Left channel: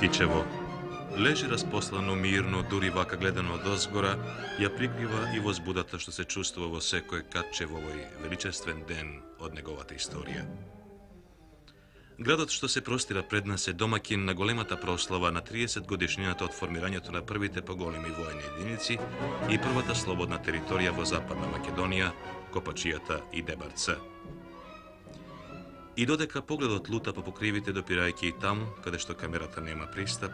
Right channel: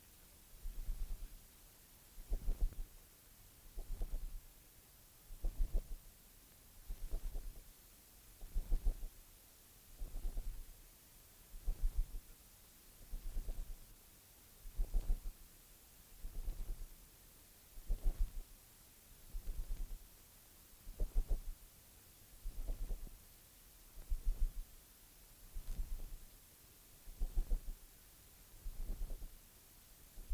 Kičevo leži rasposlano mirno, duri vaka gledano od ozgora, ja prikriva i возбудата što se čustva во секој Качевовој величествен ден од неговата историја. Градот што се простира пред нас е домакин на големата прослава на 30 годишнината од формирањето на првите поголеми војни единици и првата слободна територија во Западна Македонија, Копачијата и Дебарца. И додека погледот лута по покривите допирајќи и таму, каде што камерата нема пристап,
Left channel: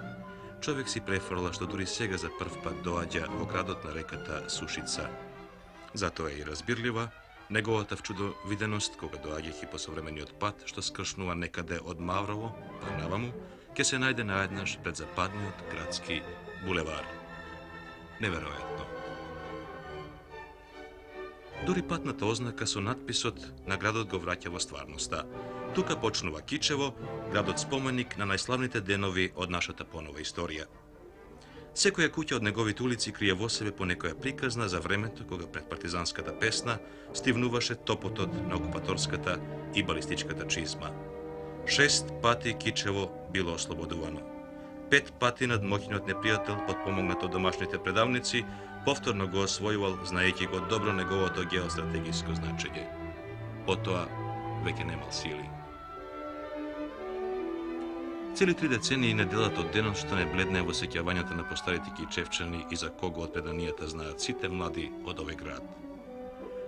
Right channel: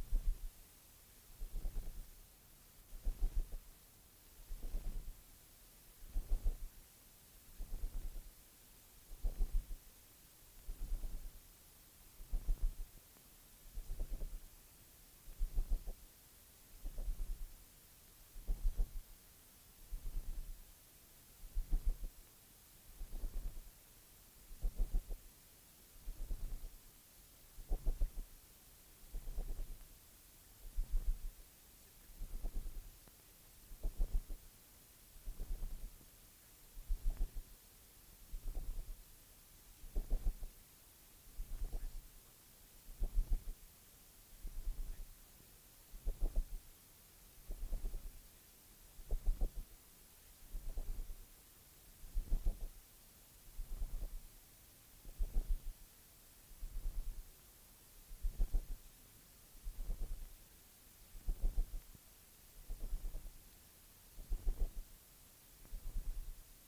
човек си префрла што дури сега за прв пат доаѓа во градот на реката Сушица. Затоа е и разбирлива неговата вчудовиденост кога доаѓајќи по современиот пат што скршнува некаде од Маврово па наваму, ќе се најде наеднаш пред западниот градски булевар. Неверојатно. Дури патната ознака со надписот на градот го враќа во стварноста. Тука почнува Кичево, градот споменик на најславните денови од нашата понова историја. Секоја куќа од неговите улици крие во себе по некоја приказна за времето кога пред партизанската песна стивнуваше топотот на окупаторската и балистичката чизма. 6 пати Кичево било ослободувано. 5 пати надмоќниот непријател, подпомогнат од домашните предавници, повторно го освојувал, знаејќи го добро неговото геостратегиско значење. Потоа веќе немал сили. Цели 3 децении не делат од денот што не бледне во сеќавањата на постарите кичевчани и за кого од преданијата знаат сите млади од овој град.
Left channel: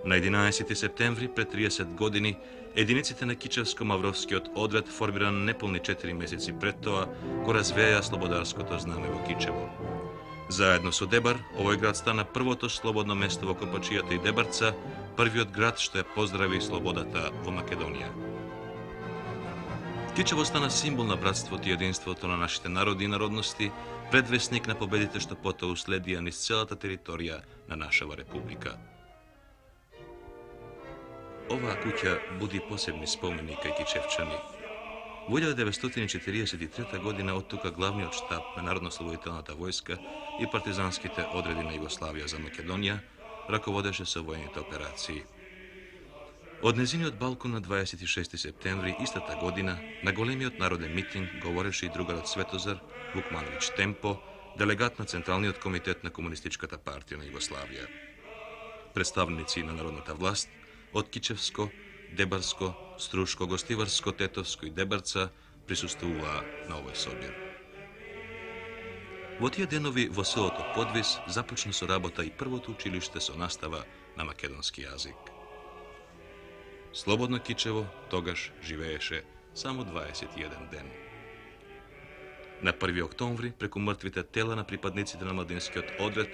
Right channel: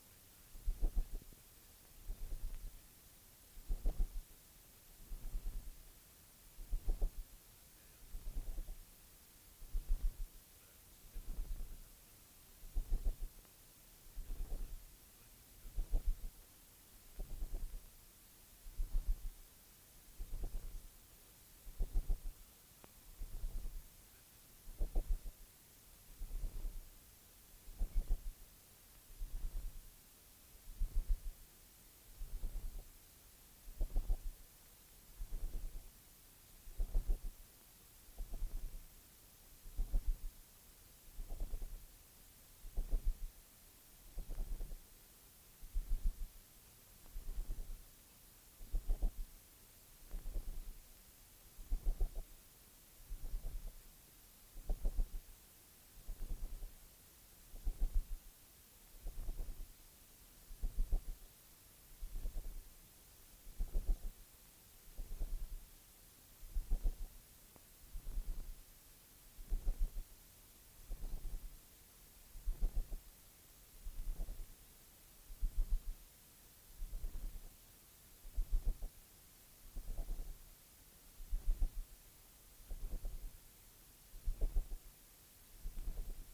На 11 септември пред 30 години единиците на Кичевско-Мавровскиот одред, формиран неполни 4 месеци пред тоа, го развеја слободарското знаме во Кичево. Заедно со Дебар, овој град стана првото слободно место во Копачијата и Дебарца, првиот град што ја поздрави слободата во Македонија. Кичево стана символ на братството и единството на нашите народи и народности, предвесник на победите што потоа уследија низ целата територија на нашава република. Оваа куќа буди посебни спомени кај кичевчани. Во 1943 година од тука главниот штаб на Народно-слободителната војска и партизанските одреди на Југославија за Македонија раководеше со војните операции. Од незиниот балкон на 26 септември истата година на големиот народен митинг говореше и другарот Светозар Вукмановиќ Темпо, делегат на Централниот комитет на Комунистичката партија на Југославија. Представници на народната власт од Кичевско, Дебарско, Струшко, Гостиварско, Тетовско и Дебарца присуствуваа на овој собир. Во тие денови во селото Подвис започна со работа и првото училиште со настава на македонски јазик. Слободно Кичево тогаш живееше само 21 ден. На 1 октомври, преку мртвите тела на припадниците на младинскиот одред,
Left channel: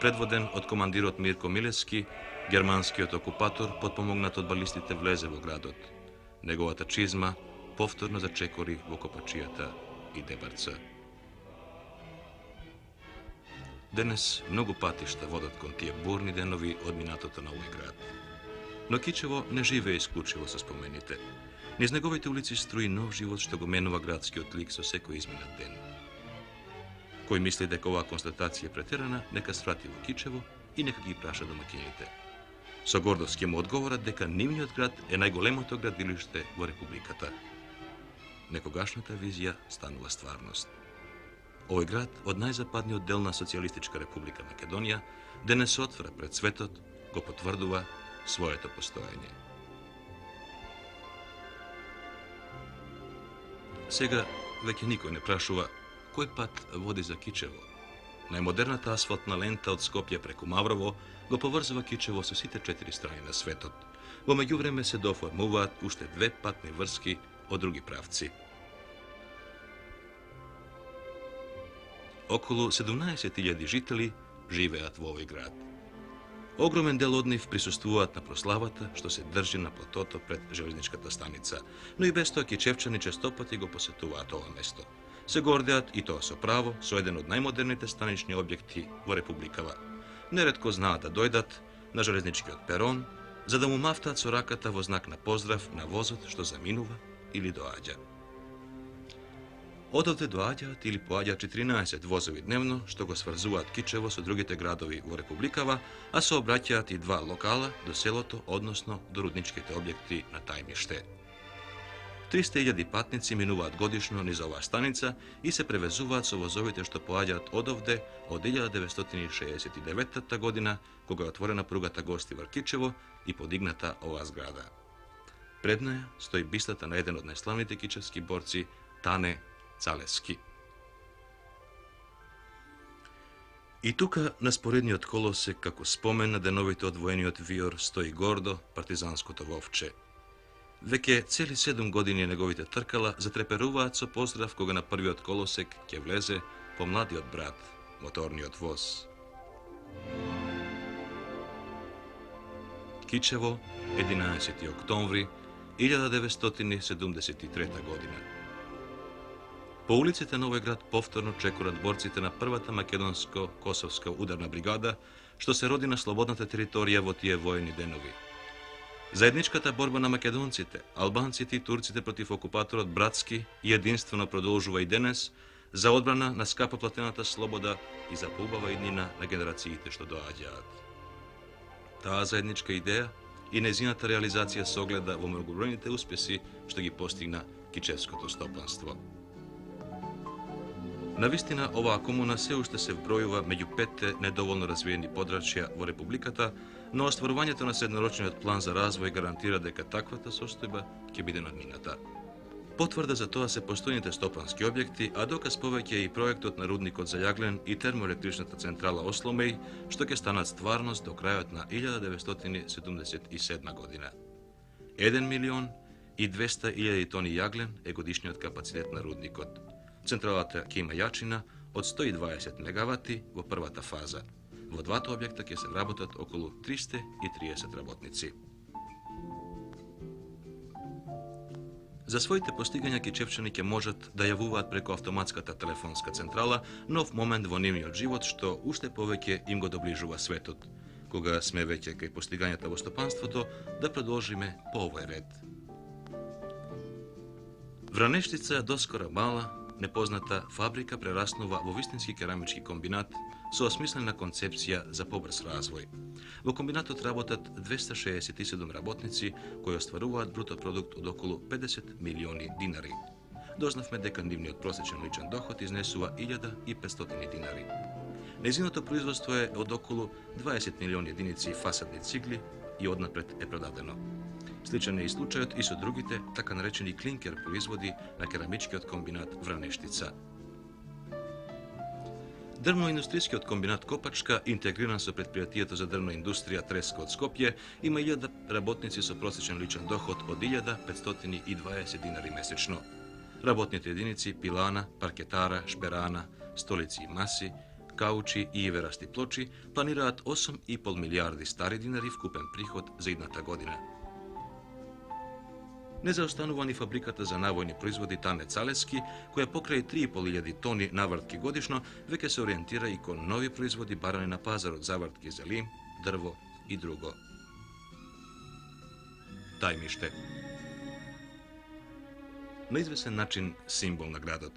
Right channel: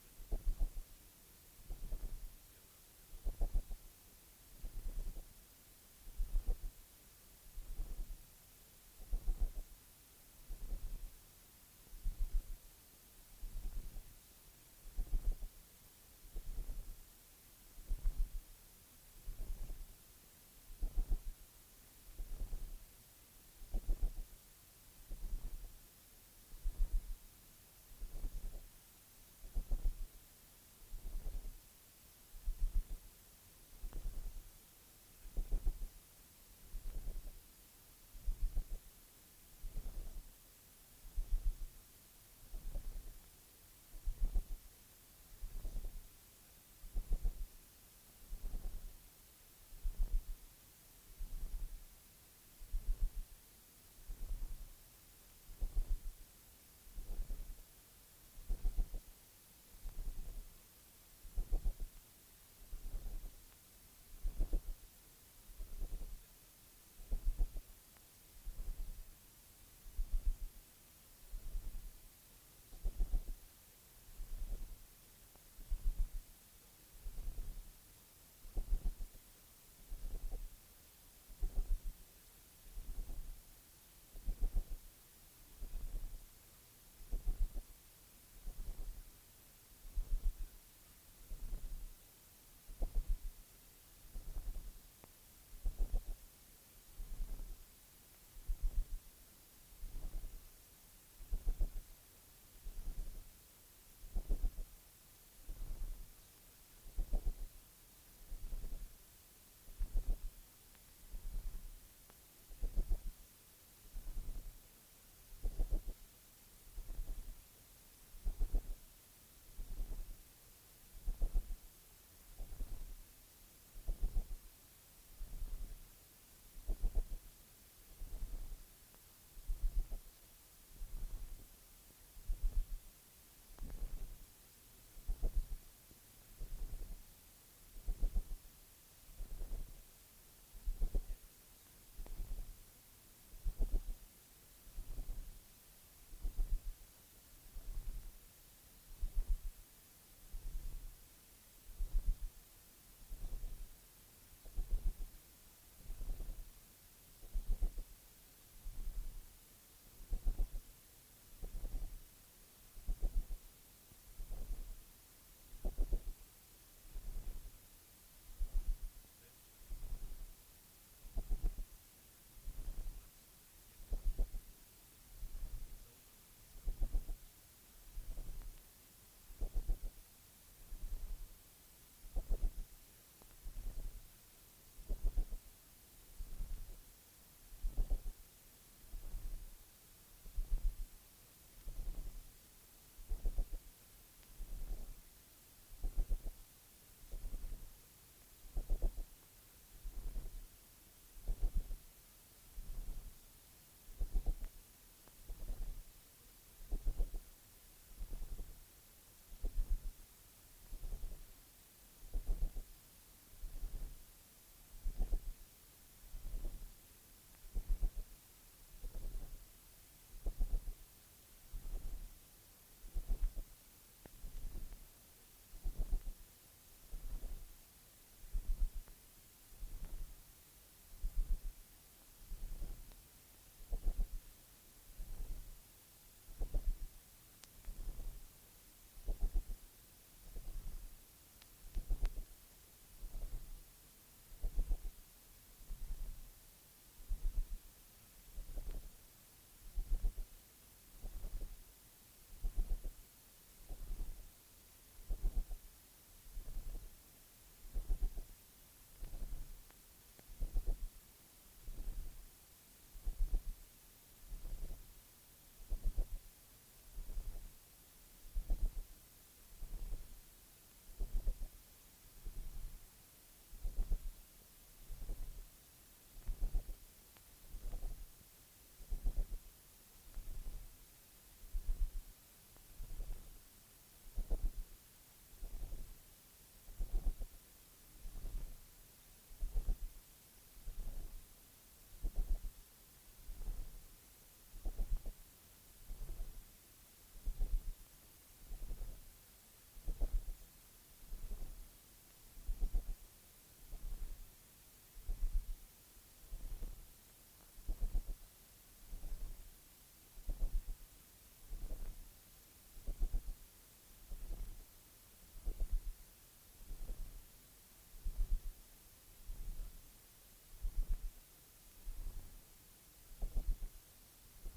предводен од командирот Мирко Милевски, германскиот окупатор, подпомогнат од балистите, влезе во градот. Неговата чизма повторно зачекори во Копачијата и Дебарца. Денес многу патишта водат кон тие бурни денови од минатото на овој град. Но Кичево не живее исклучиво со спомените. Низ неговите улици струи нов живот што го менува градскиот лик со секој изминат ден. Кој мисли дека оваа констатација е претерана, нека сврати во Кичево и нека ги праша домаќините. Со гордост ќе му одговорат дека нивниот град е најголемото градилиште во републиката. Некогашната визија станува стварност. Овој град од најзападниот дел на Социјалистичка република Македонија денес се отвора пред светот, го потврдува своето постоење. Сега веќе никој не прашува кој пат води за Кичево. Најмодерната асфалтна лента од Скопје преку Маврово го поврзува Кичево со сите 4 страни на светот. Во меѓувреме се доформуваат уште 2 патни врски од други правци. Околу 17.000 жители живеат во овој град. Огромен дел од нив присуствуваат на прославата што се држи на платото пред железничката станица, но и без тоа кичевчани честопати го посетуваат ова место. Се гордеат и тоа со право со еден од најмодерните станични објекти во републикава. Неретко знаат да дојдат на железничкиот перон за да му мафтаат со раката во знак на поздрав на возот што заминува или доаѓа. Одовде доаѓаат или поаѓаат 14 возови дневно што го сврзуваат Кичево со другите градови во републикава, а се обраќаат и 2 локала до селото, односно до рудничките објекти на Тајмиште. 300.000 patnici minуваат годишно низ оваа станица и се превезуваат со возовите што поаѓаат одовде од 1969 година, кога е отворена пругата Гостивар-Кичево и подигната оваа зграда. Пред неја стои бистата на еден од најславните кичевски борци, Тане Цалески. И тука на споредниот колосек, како спомен на деновите од воениот виор, стои гордо партизанското вовче. Веќе цели 7 години неговите тркала затреперуваат со поздрав кога на првиот колосек ќе влезе помладиот брат, моторниот воз. Кичево, 11. октомври 1973 година. По улиците на овој град повторно чекорат борците на првата македонско-косовска ударна бригада, што се роди на слободната територија во тие воени денови. Заедничката борба на македонците, албанците и турците против окупаторот братски и единствено продолжува и денес за одбрана на скапо платената слобода и за поубава иднина на генерациите што доаѓаат. Таа заедничка идеја и незината реализација се огледа во многобројните успеси што ги постигна кичевското стопанство. Навистина, оваа комуна се уште се вбројува меѓу 5 недоволно развиени подрачја во републиката, но остварувањето на среднорочниот план за развој гарантира дека таквата состојба ќе биде надмината. Потврда за тоа се постојните стопански објекти, а доказ повеќе е и проектот на рудникот за јаглен и термоелектричната централа Осломеј, што ќе станат стварност до крајот на 1977 година. 1.200.000 тони јаглен е годишниот капацитет на рудникот. Централата ќе има јачина од 120 мегавати во првата фаза. Во двата објекта ќе се вработат околу 330 работници. За своите постигања кичевчани ќе можат да јавуваат преку автоматската телефонска централа нов момент во нивниот живот што уште повеќе им го доближува светот. Кога сме веќе кај постигањата во стопанството, да продолжиме по овој ред. Вранештица доскора мала, непозната фабрика прераснува во вистински керамички комбинат со осмислена концепција за побрз развој. Во комбинатот работат 267 работници кои остваруваат бруто продукт од околу 50 милиони динари. Дознавме дека нивниот просечен личен доход изнесува 1500 динари. Незиното производство е од околу 20 милиони единици фасадни цигли и однапред е продадено. Сличен е и случајот и со другите така наречени клинкер производи на керамичкиот комбинат Вранештица. Дрвно-индустријскиот комбинат Копачка, интегриран со предпријатието за дрвна индустрија Треска од Скопје, има 1000 работници со просечен личен доход од 1520 динари месечно. Работните единици пилана, паркетара, шперана, столици и маси, каучи и иверасти плочи планираат 8,5 милијарди стари динари вкупен приход за идната година. Не заостанува ни фабриката за навојни производи Тане Цалески, која покрај 3.500 тони навртки годишно веќе се ориентира и кон нови производи барани на пазарот завртки за лим, дрво и друго. Тајмиште. На извесен начин символ на градот.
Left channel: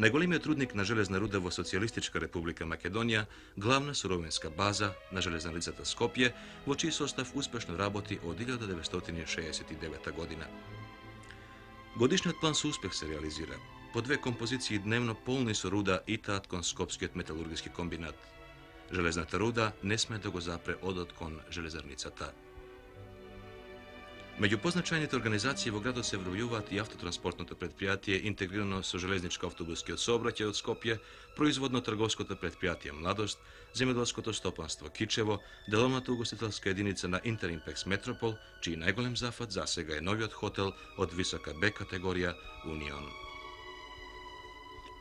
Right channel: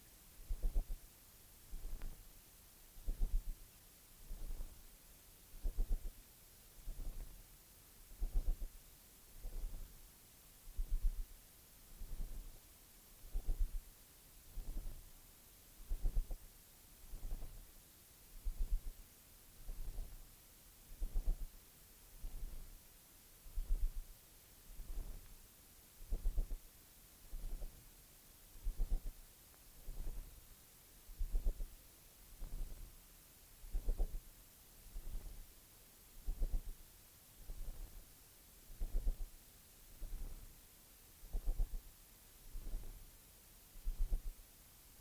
Најголемиот рудник на железна руда во Социјалистичка република Македонија, главна суровинска база на железналицата Скопје, во чиј состав успешно работи од 1969 година. Годишниот план со успех се реализира. По 2 композиции дневно полни со руда итаат кон Скопскиот металургиски комбинат. Железната руда не сме да го запре одот кон железарницата. Меѓу позначајните организации во градот се вбројуваат и автотранспортното предпријатие интегрирано со железничко-автобускиот сообраќај од Скопје, производно-трговското предпријатие Младост, земјоделското стопанство Кичево, деловната угостителска единица на Интеримпекс Метропол, чиј најголем зафат засега е новиот хотел од висока Б категорија Унион.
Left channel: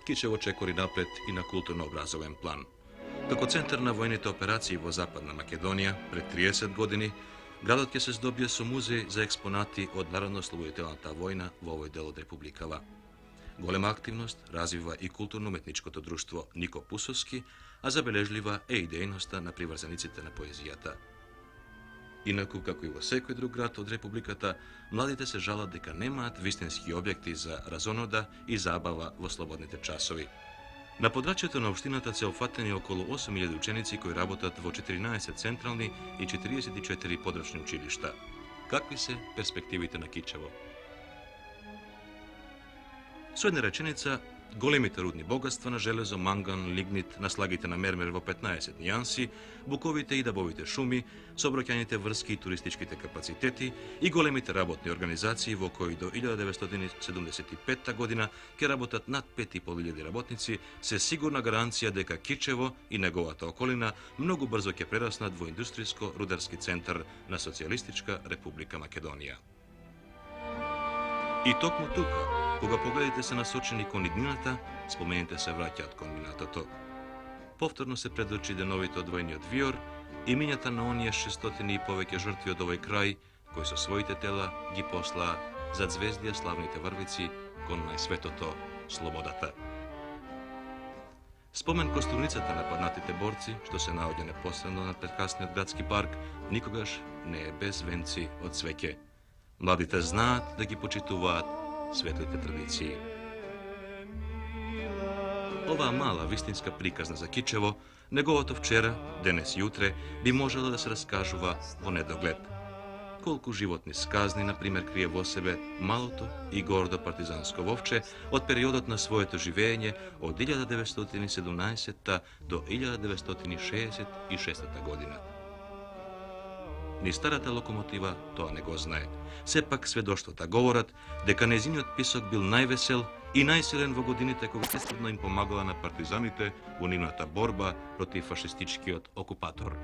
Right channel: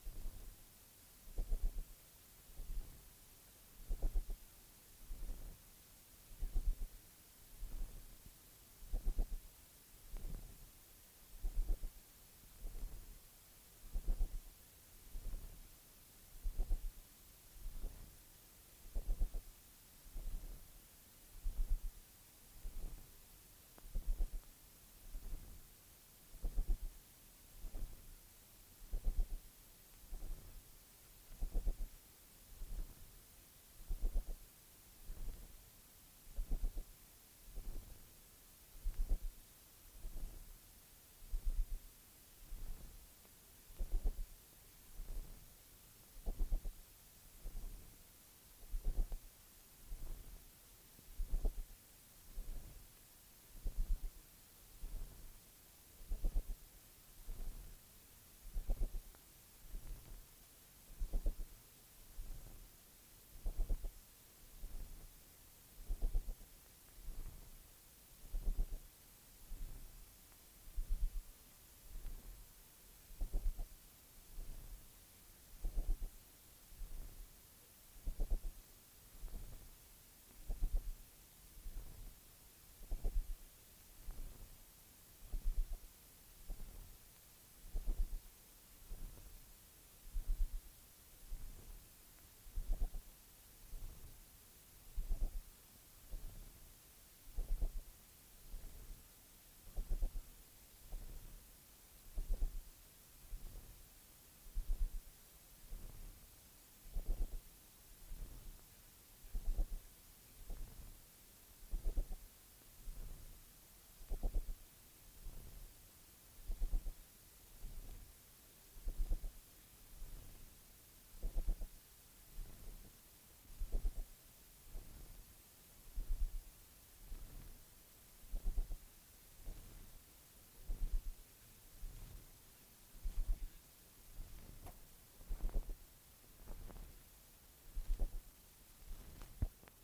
Кичево чекори напред и на културно-образовен план. Како центар на воените операции во Западна Македонија пред 30 години, градот ќе се здобие со музеј за експонати од Народно-ослободителната војна во овој дел од републикава. Голема активност развива и културно-уметничкото друштво Нико Пусовски, а забележлива е и дејноста на приврзаниците на поезијата. Инаку, како и во секој друг град од републиката, младите се жалат дека немаат вистински објекти за разонода и забава во слободните часови. На подрачјето на општината се опфатени околу 8000 ученици кои работат во 14 централни и 44 подрачни училишта. Какви се перспективите на Кичево? Со една реченица, големите рудни богатства на железо, манган, лигнит, наслагите на мермер во 15 нијанси, буковите и дабовите шуми, сообраќајните врски и туристичките капацитети и големите работни организации во кои до 1975 година ќе работат над 5.500 работници, се сигурна гаранција дека Кичево и неговата околина многу брзо ќе прераснат во индустријско-рударски центар на Социјалистичка република Македонија. И токму тука, кога погледите се насочени кон иднината, спомените се враќаат кон минатото. Повторно се пред очи деновите од војниот виор и минјата на оние 600 и повеќе жртви од овој крај, кои со своите тела ги послаа зад звездија славните врвици кон најсветото слободата. Спомен костурницата на паднатите борци, што се наоѓа непосредно на прекрасниот градски парк, никогаш не е без венци од свеќе. Младите знаат да ги почитуваат светлите традиции. Оваа мала вистинска приказна за Кичево, неговото вчера, денес и утре, би можела да се раскажува во недоглед. Колку животни сказни, например, крие во себе малото и гордо партизанско вовче од периодот на своето живење од 1917 до 1966 година. Ни старата локомотива тоа не го знае. Сепак сведоштвата говорат дека нејзиниот писок бил највесел и најсилен во годините кога естествено им помагала на партизаните во нивната борба против фашистичкиот окупатор.